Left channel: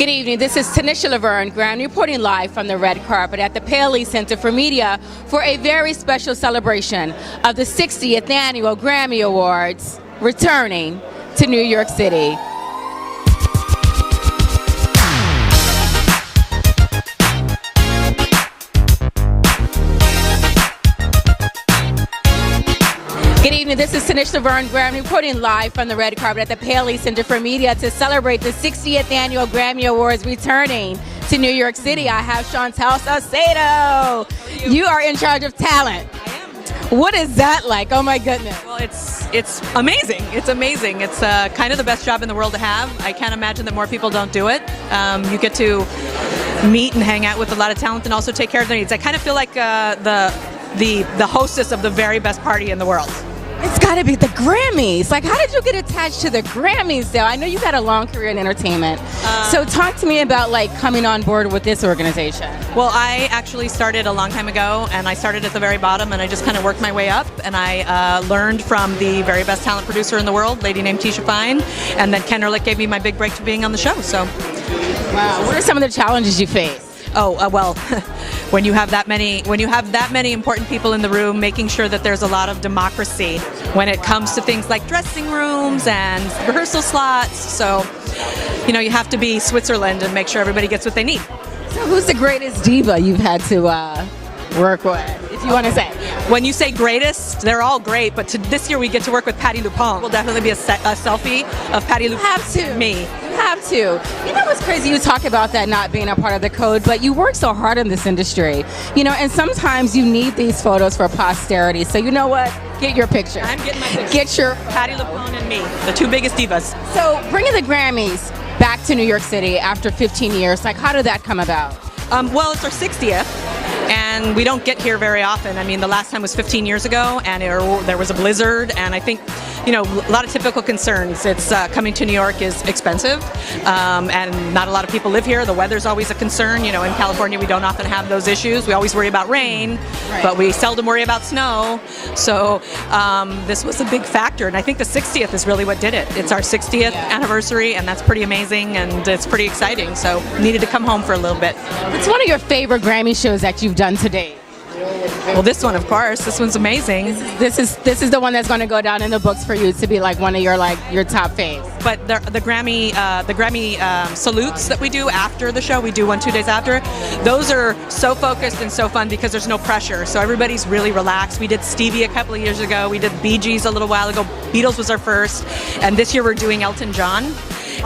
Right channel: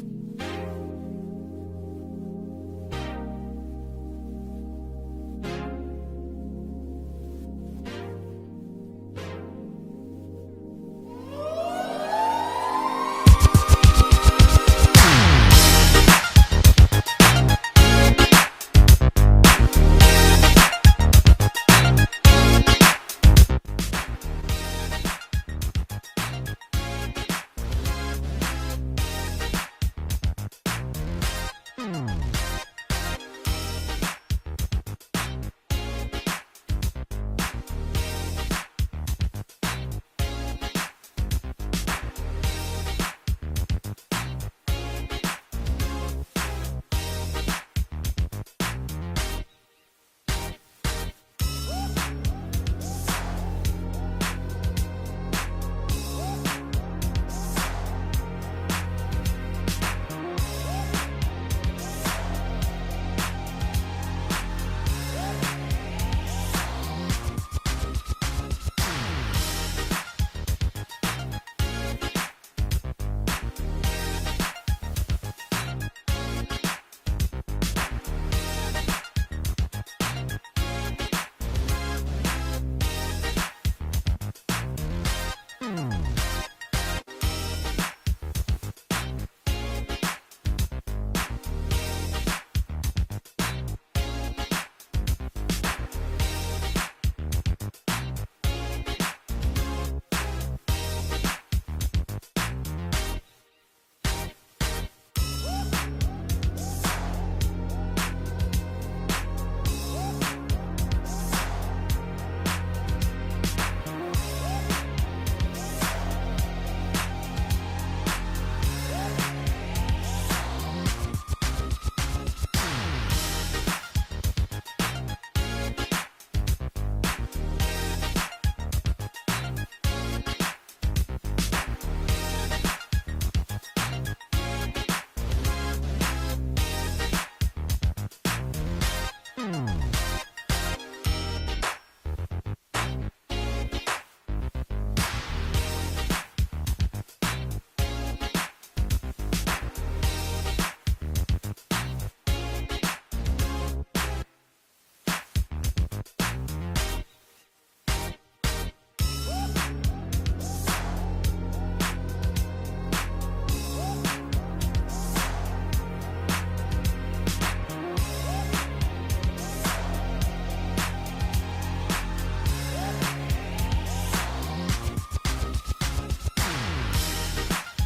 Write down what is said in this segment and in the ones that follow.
Good evening. This is Tanisha Laverne Graham reporting live from the red carpet at the Paley Center for Media for a very special celebration of the 60th Annual Grammy Awards returning to New York City. Good evening. This is Tanisha Laverne Graham reporting live from the red carpet at the Paley Center for Media to celebrate the 60th Annual Grammy Awards returning to New York City. I have Chantel Sausedo. You are in charge of talent. What is that like? Oh my goodness. Well, it's amazing. It's amazing. It's kind of the best job in the world to have. I can't imagine that more people don't do it. You get to meet and hang out with a lot of talent and also take care of their needs. I kind of feel like the hostess of the very best party in the world. It's got to be the Grammys. Like, how did you get attached to the Grammys, though? I know you've had a long career in entertainment. So talk to me about, like, coming on board with this organization. Well, I actually started a long time ago, and I started at the very bottom, and I just kind of worked my way up, and I learned from the very best talent producer in the world, a lady named Tisha Fine, and then Ken Ehrlich gave me my big break to being on the show. So, wow. What are some of the challenges you face? Well, when you have that many important people in the room, making sure that there's a lot of democracy when it comes to things like dressing rooms and rehearsal slots. So, you have to be Switzerland and make sure everybody gets what they need. So who's the greatest diva you've had to work with, if you want to say? When you say greatest, they're all great, but this year we get to work with Patti LuPone. Will definitely be a selfie of Patti LuPone. Have to. Me. Have to. You know what's crazy? You talk about that not being a part of the code, but you work so hard in this industry, and sometimes you need these photos for posterity. So you know what? Get your picture. I'm getting my picture. Get your Patti LuPone and me, the two biggest divas. So bringing the Grammys back to New York City after 15 years, like how did that come about? Well, it's our 60th. And we don't get here very often. I mean, the last time was 15 years ago, and there was a blizzard, and I think, a lot of typical concerns. It's coming to New York is expensive, and not a lot of people live here. The weather's always a concern. In California, we don't often have those issues. We always worry about rain, but we seldom worry about snow. So this was a big factor, and I think the 60th is really what did it. It's our 60th anniversary, and that's pretty amazing, and it's pretty exciting. So needed to come home for a little bit. What's one of your favorite Grammy shows that you've done to date? Well, this one, of course. This one's amazing. This is the one that's going to go down in the books for you to be like one of your top faves. But the Grammy salutes that we do after the show, we do 1-2 days after. Those are so focused and so fun because there's no pressure. So everybody's really relaxed. We did Stevie a couple of years ago. We did Bee Gees a little while ago. Beatles was our first, and this year we're doing Elton John.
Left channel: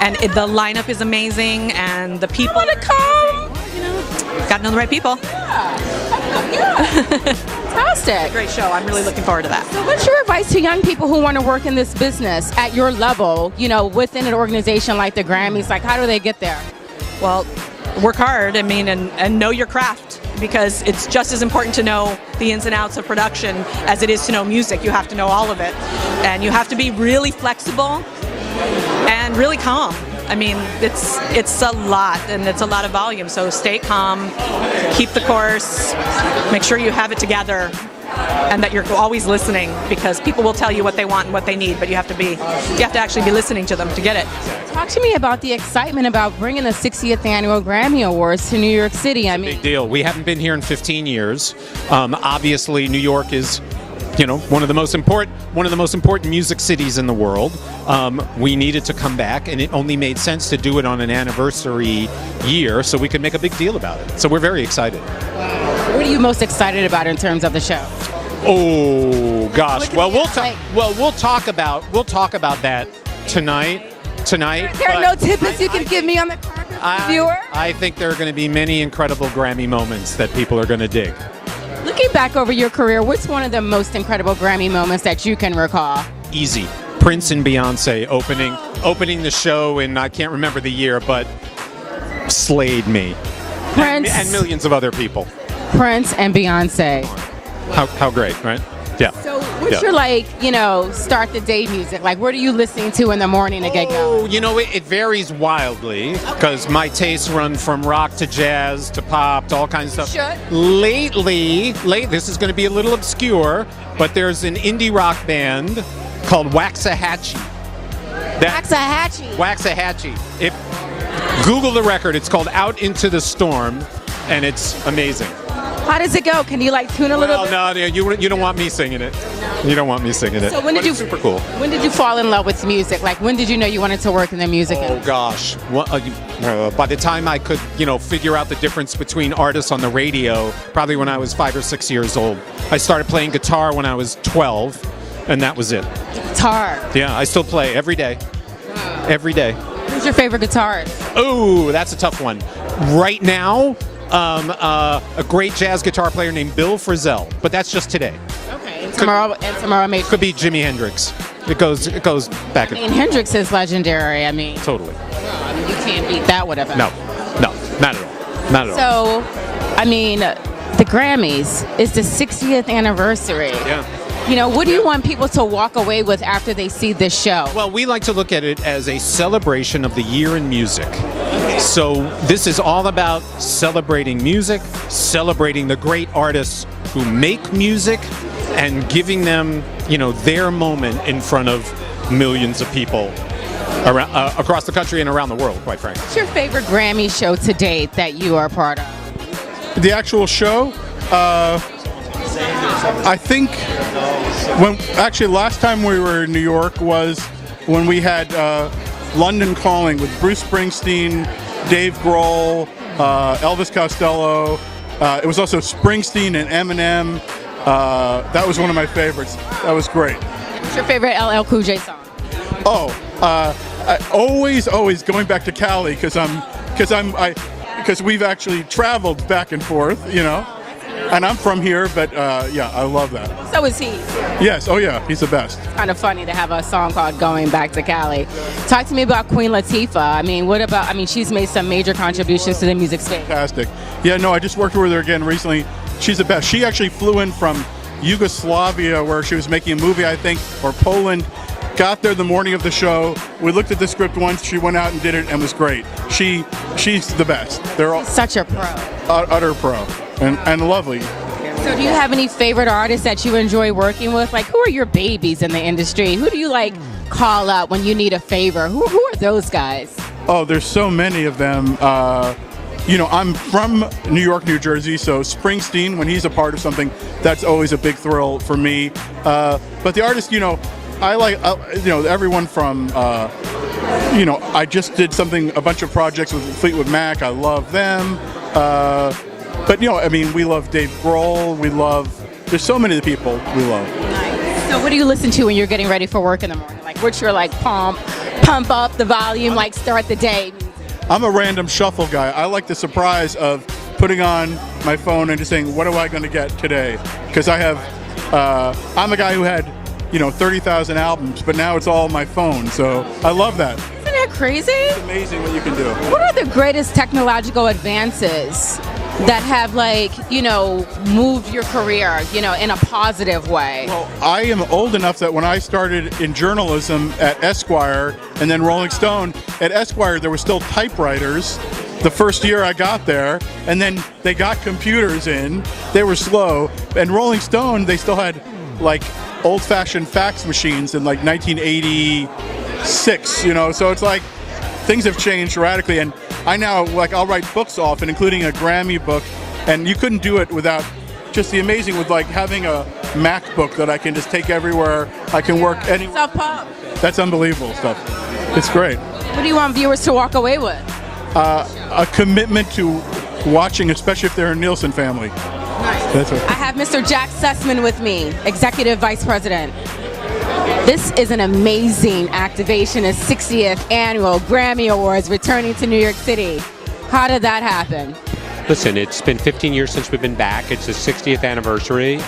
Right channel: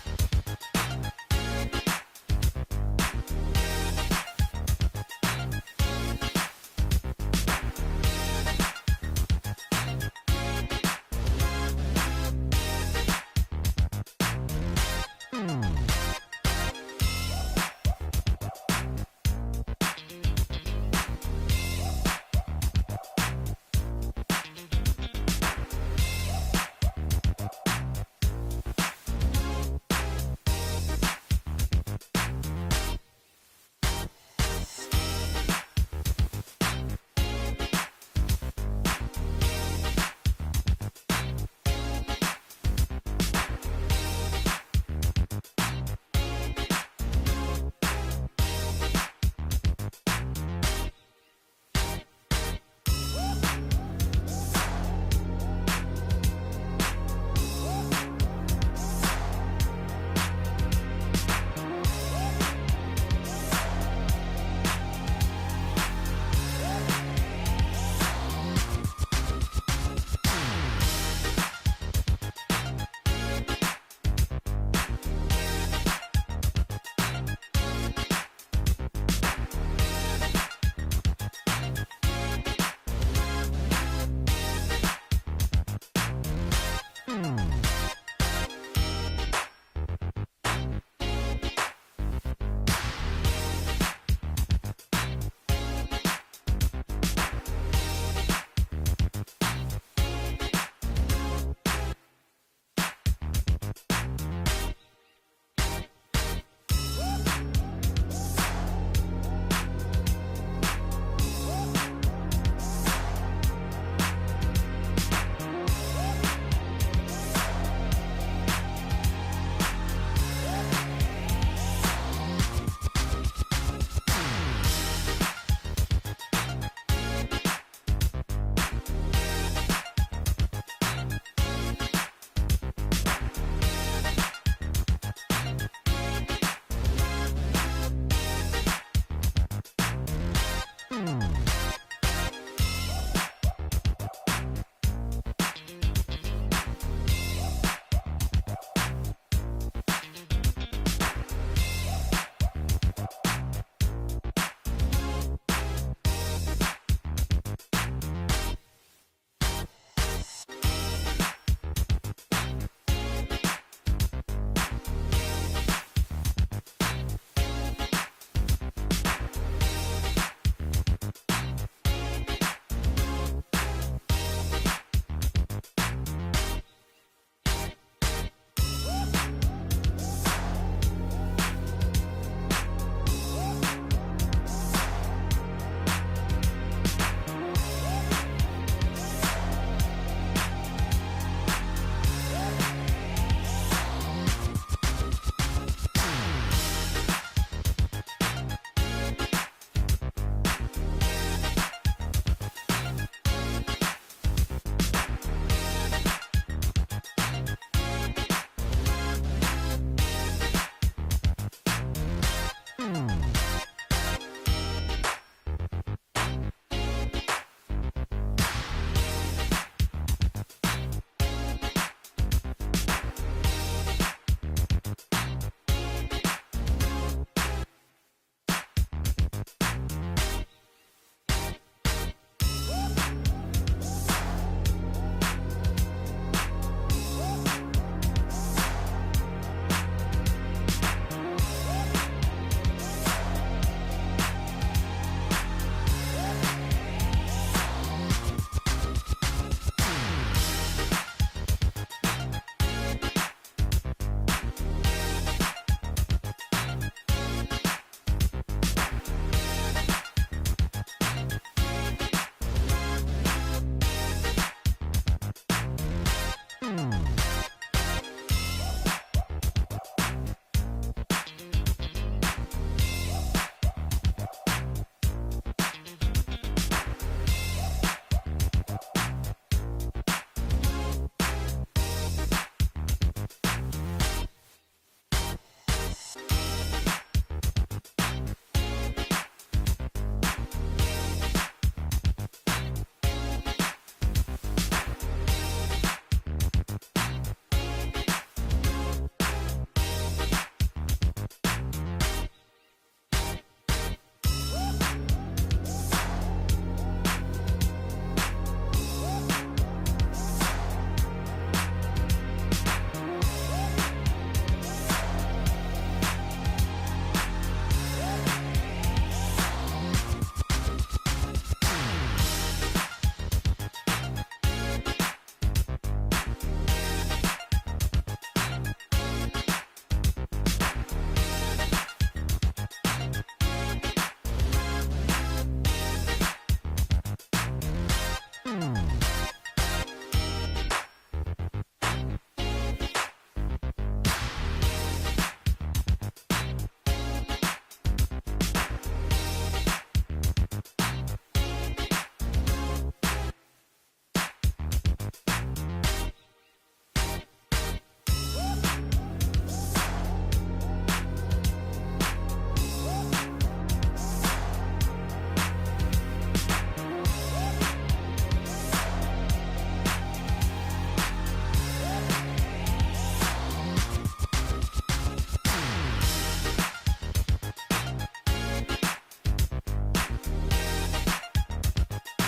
And the lineup is amazing, and the people. I want to come. Got to know the right people. Fantastic. Great show. I'm really looking forward to that. So what's your advice to young people who want to work in this business at your level, within an organization like the Grammys? Like, how do they get there? Well, work hard, and know your craft, because it's just as important to know the ins and outs of production as it is to know music. You have to know all of it. And you have to be really flexible and really calm. I mean, it's a lot, and it's a lot of volume. So stay calm, keep the course, make sure you have it together, and that you're always listening, because people will tell you what they want and what they need, but you have to actually be listening to them to get it. Talk to me about the excitement about bringing the 60th Annual Grammy Awards to New York City. I mean, big deal. We haven't been here in 15 years. Obviously, New York is one of the most important music cities in the world. We needed to come back, and it only made sense to do it on an anniversary year so we could make a big deal about it. So we're very excited. What are you most excited about in terms of the show? Oh gosh. Well, we'll talk about that tonight. There are no tidbits you can give me on the carpet, viewer? I think there are going to be many incredible Grammy moments that people are going to dig. Looking back over your career, what's one of the most incredible Grammy moments that you can recall? Easy. Prince and Beyonce opening the show, and I can't remember the year, but slayed me. Prince and millions of other people. Prince and Beyonce. How great, right? Yeah. So what's your start the day music? Like, what are you listening to in the morning to get going? It varies wildly, because my tastes run from rock to jazz to pop to all kinds of stuff. Lately, this is going to be a little obscure, but there's an indie rock band called Waxahachie. Waxahachie. Waxahachie. Google the record. It's called Out Into the Storm, and it's amazing. How does it go? Can you like tune a little bit? No, you don't want me singing it. You don't want me singing it. So when did you? Super cool. When did you fall in love with music? Like when did you know you wanted to work in the music Oh industry? gosh. By the time I could, figure out the difference between artists on the radio, probably when I was 5 or 6 years old. I started playing guitar when I was 12, and that was it. Guitar. Yeah, I still play every day. Every day. Who's your favorite guitarist? Oh, that's a tough one. Right now, a great jazz guitar player named Bill Frisell, but that's just today. Okay. And tomorrow maybe. Could be Jimi Hendrix. It goes back. I mean, Hendrix is legendary. I mean, Totally. you can't beat that with a No, not at all. Not at all. So, I mean, the Grammys is the 60th anniversary. Yeah. What do you want people to walk away with after they see this show? Well, we like to look at it as a celebration of the year in music. So this is all about celebrating music, celebrating the great artists who make music, and giving them, their moment in front of millions of people around, across the country and around the world, quite frankly. What's your favorite Grammy show to date that you are a part of? The actual show, I think last time we were in New York was when we had London Calling with Bruce Springsteen, Dave Grohl, Elvis Costello. It was also Springsteen and Eminem. That was one of my favorites. That was great. What's your favorite LL Cool J song? I always going back to Cali because we've actually traveled back and forth, and I'm from here, but yeah, I love that. So is he. Yes, oh yeah, he's the best. Kind of funny to have a song called Going Back to Cali. Talk to me about Queen Latifah. I mean, she's made some major contributions to the music space. Fantastic. Yeah, no, I just worked with her again recently. She's the best. She actually flew in from Yugoslavia where she was making a movie, I think, or Poland. Got there the morning of the show. We looked at the script once. She went out and did it and was great. She's the best. They're all Such a pro. Utter pro and lovely. So do you have any favorite artists that you enjoy working with? Like, who are your babies in the industry? Who do you call up when you need a favor? Who are those guys? Oh, there's so many of them. I'm from New York, New Jersey, so Springsteen, when he's a part of something, that's always a big thrill for me. But the artists, I like, everyone from, I just did a bunch of projects with Fleetwood Mac. I love them. But, we love Dave Grohl. There's so many of the people we love. Nice. So what do you listen to when you're getting ready for work in the morning? Like, what's your, pump up the volume, start the day? I'm a random shuffle guy. I like the surprise of putting on my phone and just saying, what am I going to get today? Because I'm a guy who had 30,000 albums, but now it's all on my phone, so I love that. Isn't that crazy? It's amazing what you can do. What are the greatest technological advances that have moved your career, in a positive way? Well, I am old enough that when I started in journalism at Esquire and then Rolling Stone, at Esquire there were still typewriters the first year I got there, and then they got computers in. They were slow, and Rolling Stone, they still had old-fashioned fax machines in 1986, so it's things have changed radically, and I now I'll write books often, including a Grammy book, and you couldn't do it without just the amazing with having a MacBook that I can just take everywhere. I can work anywhere. Self-pub. That's unbelievable stuff. It's great. What do you want viewers to walk away with? A commitment to watching, especially if they're a Nielsen family. Nice. That's what. I have Mr. Jack Sussman with me, Executive Vice President. This is an amazing activation, a 60th Annual Grammy Awards returning to New York City. How did that happen? Listen, it's been 15 years since we've been back. It's the 60th anniversary.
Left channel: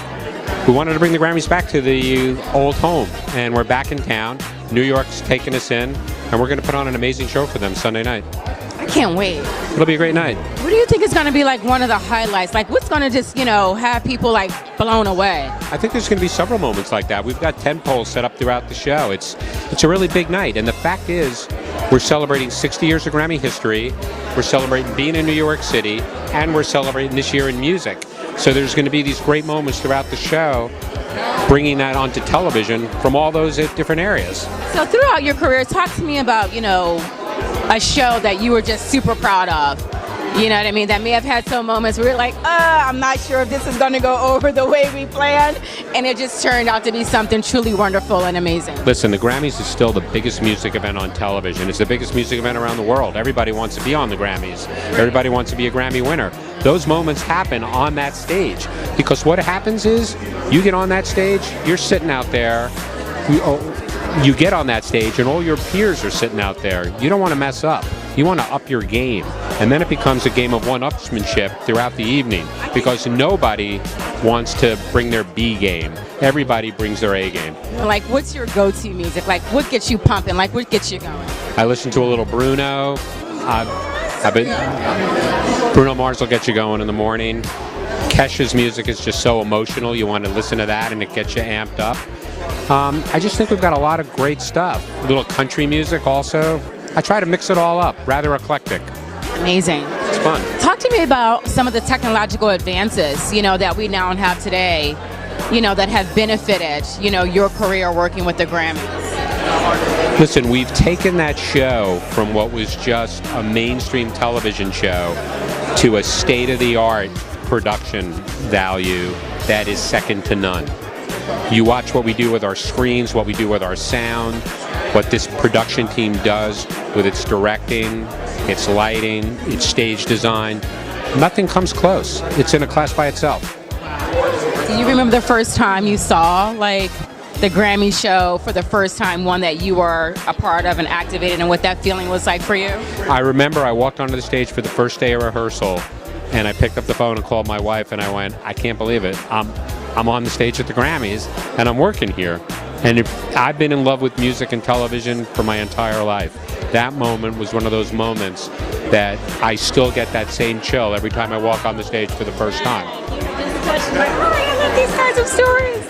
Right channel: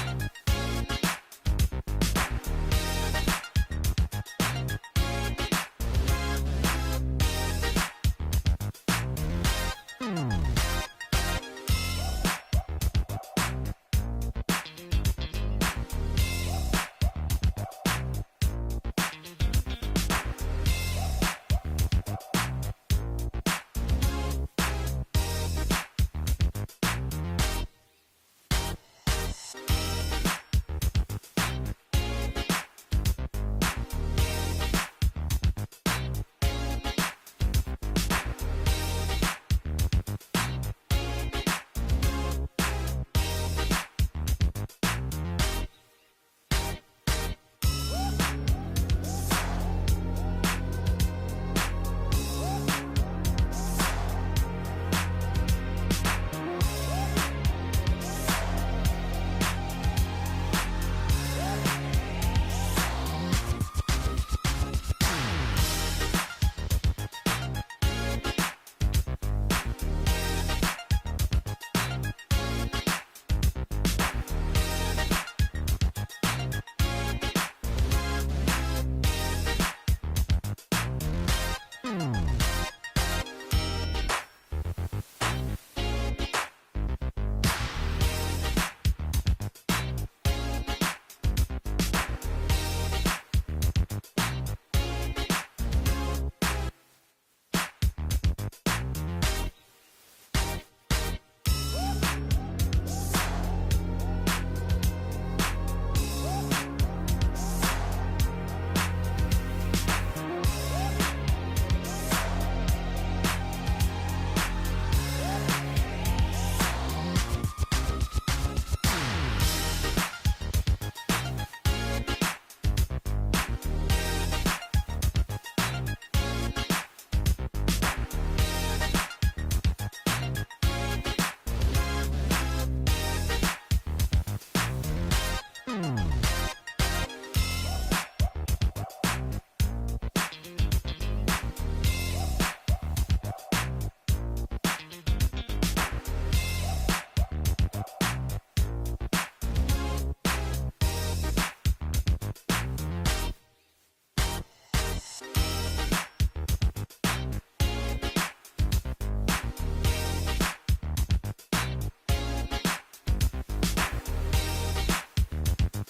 We wanted to bring the Grammys back to the old home, and we're back in town. New York's taking us in, and we're going to put on an amazing show for them Sunday night. I can't wait. It'll be a great night. What do you think is going to be one of the highlights? What's going to just, have people blown away? I think there's going to be several moments like that. We've got 10 poles set up throughout the show. It's a really big night, and the fact is we're celebrating 60 years of Grammy history. We're celebrating being in New York City, and we're celebrating this year in music. So there's going to be these great moments throughout the show, bringing that onto television from all those different areas. So throughout your career, talk to me about, a show that you were just super proud of? You know what I mean? That may have had some moments where you're like, I'm not sure if this is going to go over the way we planned. And it just turned out to be something truly wonderful and amazing. Listen, the Grammys is still the biggest music event on television. It's the biggest music event around the world. Everybody wants to be on the Grammys. Everybody wants to be a Grammy winner. Those moments happen on that stage. Because what happens is, you get on that stage, you're sitting out there, you get on that stage and all your peers are sitting out there. You don't want to mess up. You want to up your game. And then it becomes a game of one-upsmanship throughout the evening because nobody wants to bring their B game. Everybody brings their A game. Like, what's your go-to music? Like, what gets you pumping? Like, what gets you going? I listen to a little Bruno. Bruno Mars will get you going in the morning. Kesha's music is just so emotional. You want to listen to that and it gets you amped up. I just think we've got a lot of great stuff. A little country music also. I try to mix it all up, rather eclectic. Amazing. It's fun. Talk to me about some of the technological advances, that we now have today, that have benefited, your career working with the Grammys. Listen, we've taken that show from what was just a mainstream television show to a state-of-the-art production value that is second to none. You watch what we do with our screens, what we do with our sound, what this production team does with its directing, its lighting, its stage design. Nothing comes close. It's in a class by itself. Do you remember the first time you saw, the Grammy show for the first time, one that you were a part of and activated, and what that feeling was like for you? I remember I walked onto the stage for the first day of rehearsal, and I picked up the phone and called my wife, and I went, I can't believe it. I'm on the stage at the Grammys, and I'm working here. And I've been in love with music and television for my entire life. That moment was one of those moments that I still get that same chill every time I walk on the stage for the first time. I love these kinds of stories.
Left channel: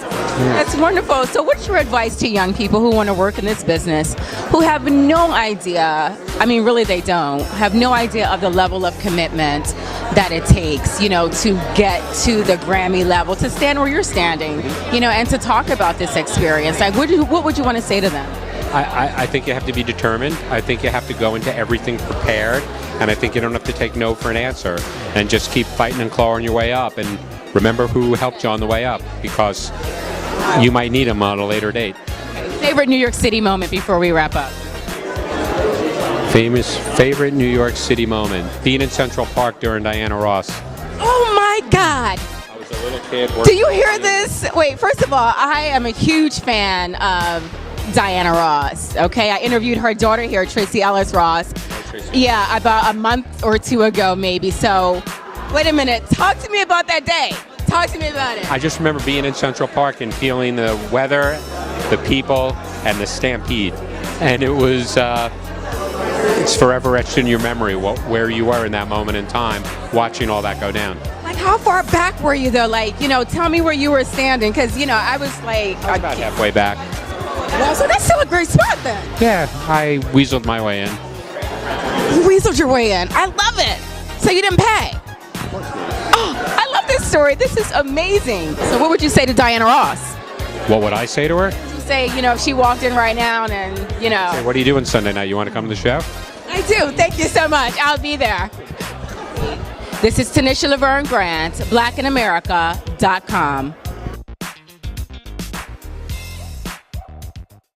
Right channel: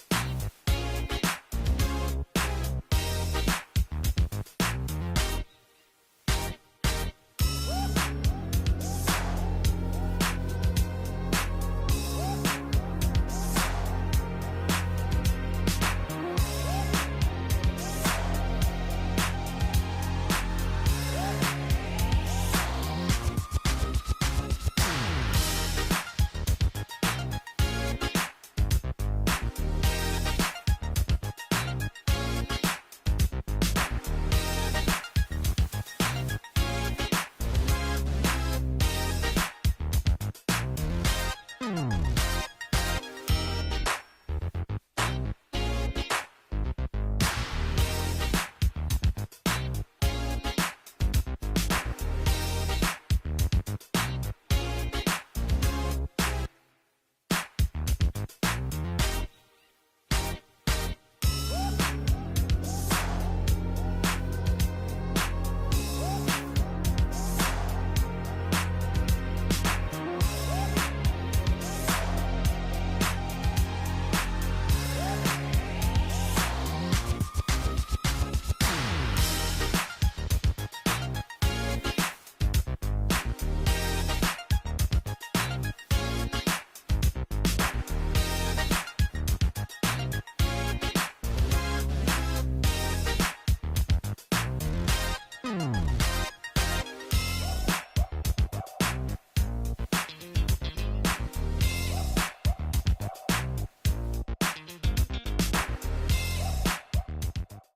That's wonderful. So what's your advice to young people who want to work in this business, who have no idea, really they don't, have no idea of the level of commitment that it takes, to get to the Grammy level, to stand where you're standing, and to talk about this experience? Like, what would you want to say to them? I think you have to be determined. I think you have to go into everything prepared. And I think you don't have to take no for an answer. And just keep fighting and clawing your way up. And remember who helped you on the way up, because you might need them on a later date. Favorite New York City moment before we wrap up? Favorite New York City moment. Being in Central Park during Diana Ross. Oh my God. I was a little kid. Do you hear this? Wait, first of all, I am a huge fan of Diana Ross. Okay, I interviewed her daughter here, Tracy Ellis Ross. Yeah, about a month or two ago, maybe. So, wait a minute. Talk to me about that day. Talk to me about it. I just remember being in Central Park and feeling the weather, the people, and the stampede. And it was, it's forever etched in your memory where you were in that moment in time, watching all that go down. Like, how far back were you, though? Like, tell me where you were standing, because, I was like... About halfway back. Well, so that's still a great spot, then. Yeah, I weaseled my way in. You weaseled your way in. I love it. So you didn't pay? Oh, I love this story. This is amazing. So what would you say to Diana Ross? What would I say to her? Say, if she walked in right now and, Say, what are you doing Sunday night? You want to come to the show? I do. Thank you so much. I'll be there. This is Tanisha Laverne Grant, blackinamerica.com.